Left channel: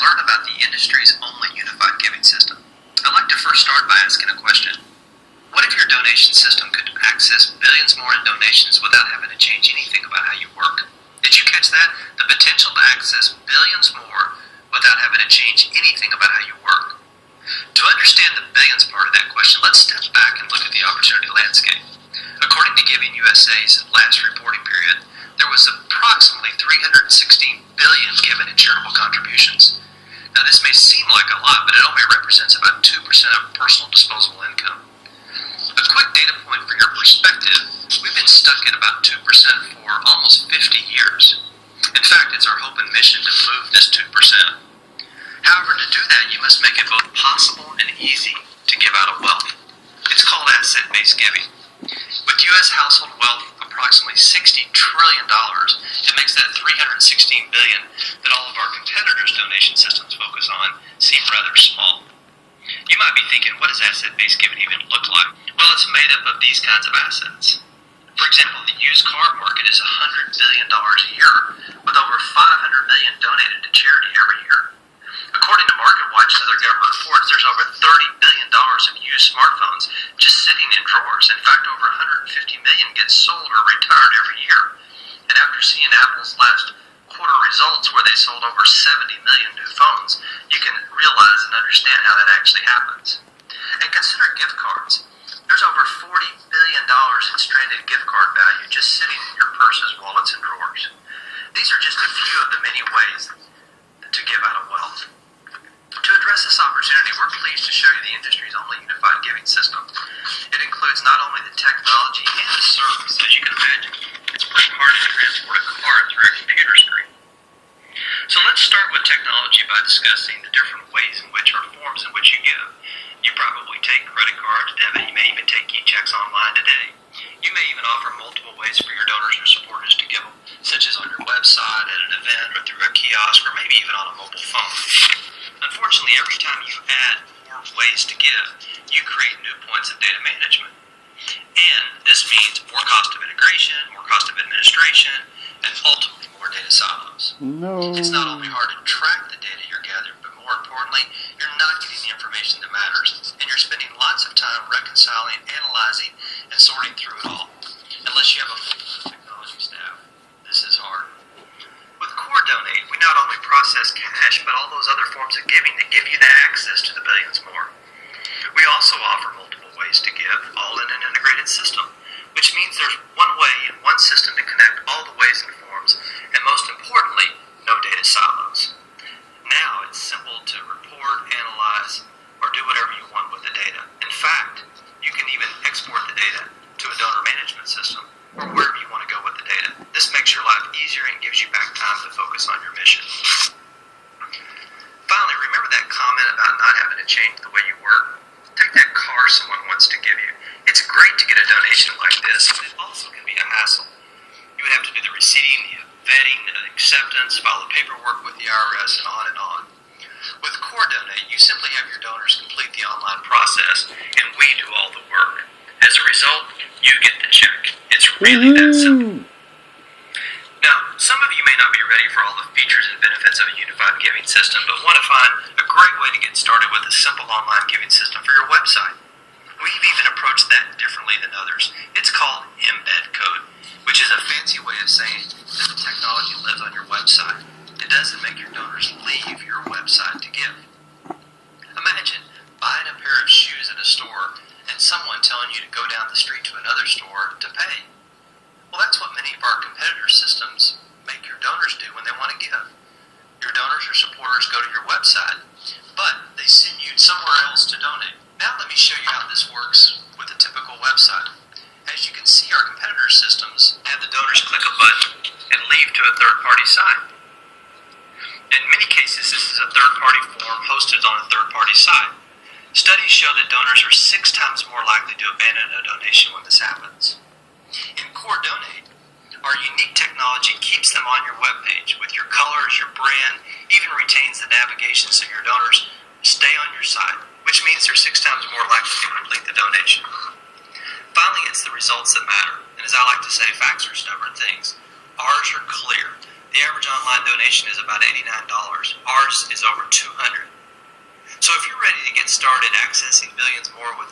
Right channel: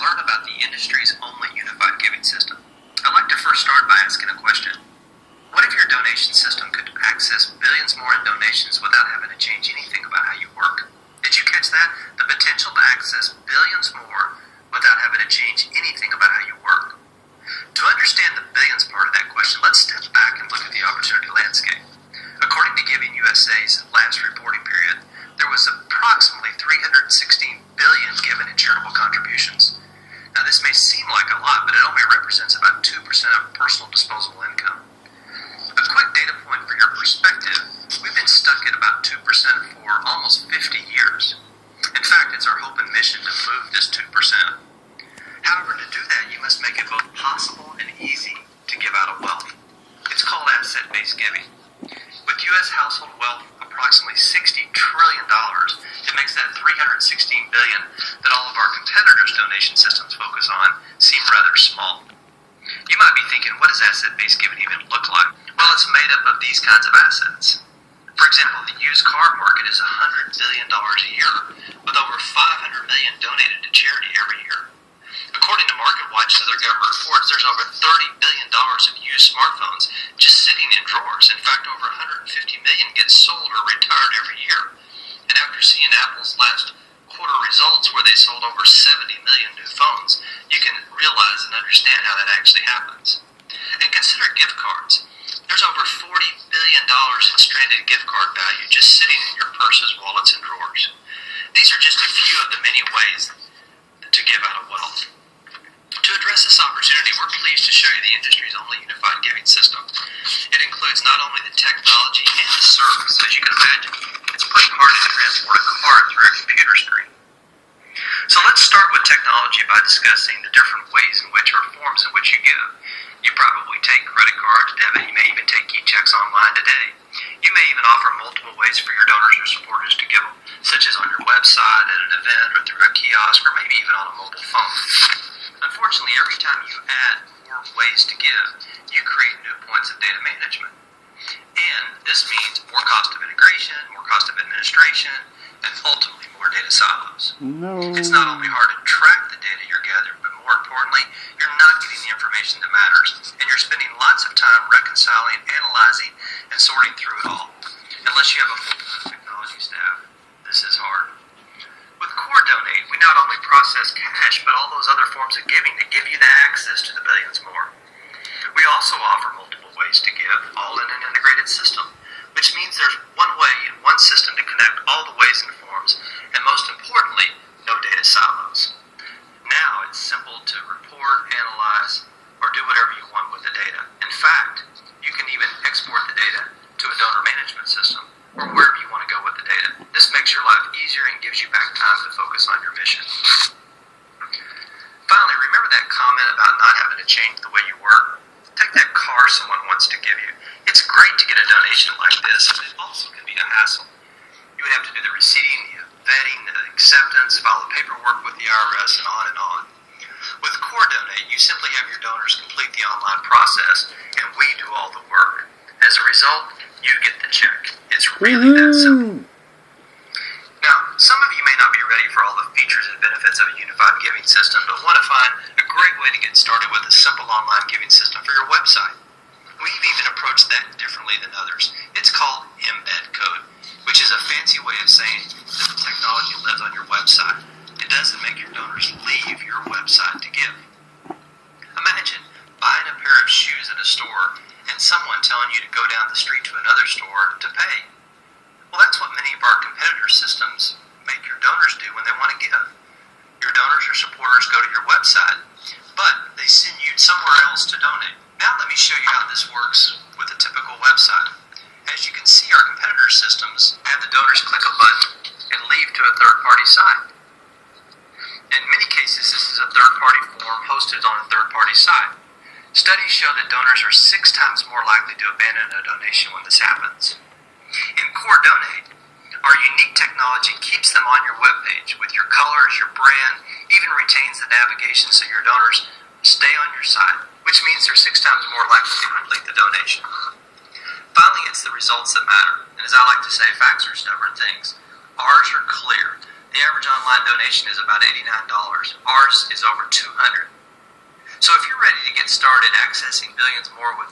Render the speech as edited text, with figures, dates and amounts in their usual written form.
learn about the industry's only unified giving system. I'd like to first start by asking a question. What if your donation system could access billions more in donations without having to change anything about how you work? Did you catch that? The potential to access billions more without having to change anything about how you work. To understand the billions part of that question, let's step back and look at the opportunity landscape. According to Giving USA's last reporting period, there was approximately $316 billion given in charitable contributions. Now, this may seem like a lot, but it only represents about 2% of personal disposable income. A quick data point for your perspective, we've been stuck at about 2% for almost 50 years. In fact, it's our hope and mission to move this 2%. However, to do that, you must make it both possible and easy to give out of wealth. It's called asset-based giving. With U.S. household wealth approximately $60 trillion, it makes that $316 billion that all of our competitors' donation systems focus on seem rather small. You might be thinking, what does asset-based giving even look like? Well, it's made up of these kinds of assets. For example, the used car market is $100 billion a year, with over $500 million donated to charity every year. According to MarketWatch and other government reports, there's over $30 billion of used smartphones just sitting in drawers. In fact, over 150 million get sold or retired every year. And after seeing Apple's last quarter results where they sold over 70 million new phones, you can realize and understand how that actually happens. And consider gift cards. There's over $40 billion in stranded gift card value just sitting in your purses, wallets, and drawers. These are just a few of the many ways to give out of wealth. To address this opportunity, we're pleased to show you the industry's only unified giving system. It includes not only the technology and the service. As you can imagine, it's pretty hard to transport a card through a computer screen. So let's start with technology by discussing the different ways in which or forms in which you give. You probably take credit cards, debit, you may even take e-checks online today. You may even offer multiple ways for your donors or supporters to give them, such as on your website, at an event, or through a kiosk, or maybe even on a mobile phone. Unfortunately, every time you add more ways to give, you create new points of data management. And this means more cost of integration, more cost of administration, and ultimately more data silos. No. It's not only hard to track the data you're gathering, but more importantly, you're not getting the information that matters. And you're spending lots of time reconciling, analyzing, and sorting through it all. Unless you have a full-time technology staff, this is hard. With Core Donate, we not only process cash, but all those other forms of giving that give you the access to the billions more. We also offer multiple ways to give, all in an integrated system, which means there's one way and one system to connect all the ways and forms, and most importantly, no data silos. Now it's simple to report, analyze, or do whatever you want with the data. In fact, you can even export the data to a donor management system, or wherever you want to go with the data. This makes your life easier and gives you back time to focus on your mission. Finally, remember that comment about not having to change the way you work? Take that car someone wants to give you. It's great to get a donation like this, but it also can be a hassle. You would have to do the receipting, the vetting, the acceptance, file the paperwork with the IRS, and on and on. With Core Donate, you simply have your donors complete the online process, and we do all the work. As a result, you get the check. It's really that simple. Now, some of you may not be ready for all the features and benefits of a unified giving system, but want to find a great way to get started with a simple online giving system for your website. We've even approached that differently than others. It's called embed code, which is a fancy way of saying that the technology lives on your website. It doesn't make your donors leave your website to give. Imagine buying a pair of shoes at a store and someone telling you to go down the street to another store to pay. Well, that's what many of our competitor systems make your donors do when they want to give. Your donors or supporters go to your website, but they send you somewhere else to donate. Now let me show you how this works with a typical website. As you can see, our competitor systems have the donors click a button and leave to a third-party site. In many cases, this is a third-party form hosted on a third-party site. Studies show that donors are 6 times more likely to abandon a donation when this happens. In Core Donate, our unique technology keeps them on your webpage with your colors, your brand, even retains the navigation so your donors stay on your site, which means they're 6 times more likely to complete the donation. Finally, it's the results that matter. And as I like to say, facts are stubborn things. Ours are clear. The average online donation is about $89. Ours is over $200. So if you're ready to get started accessing billions more with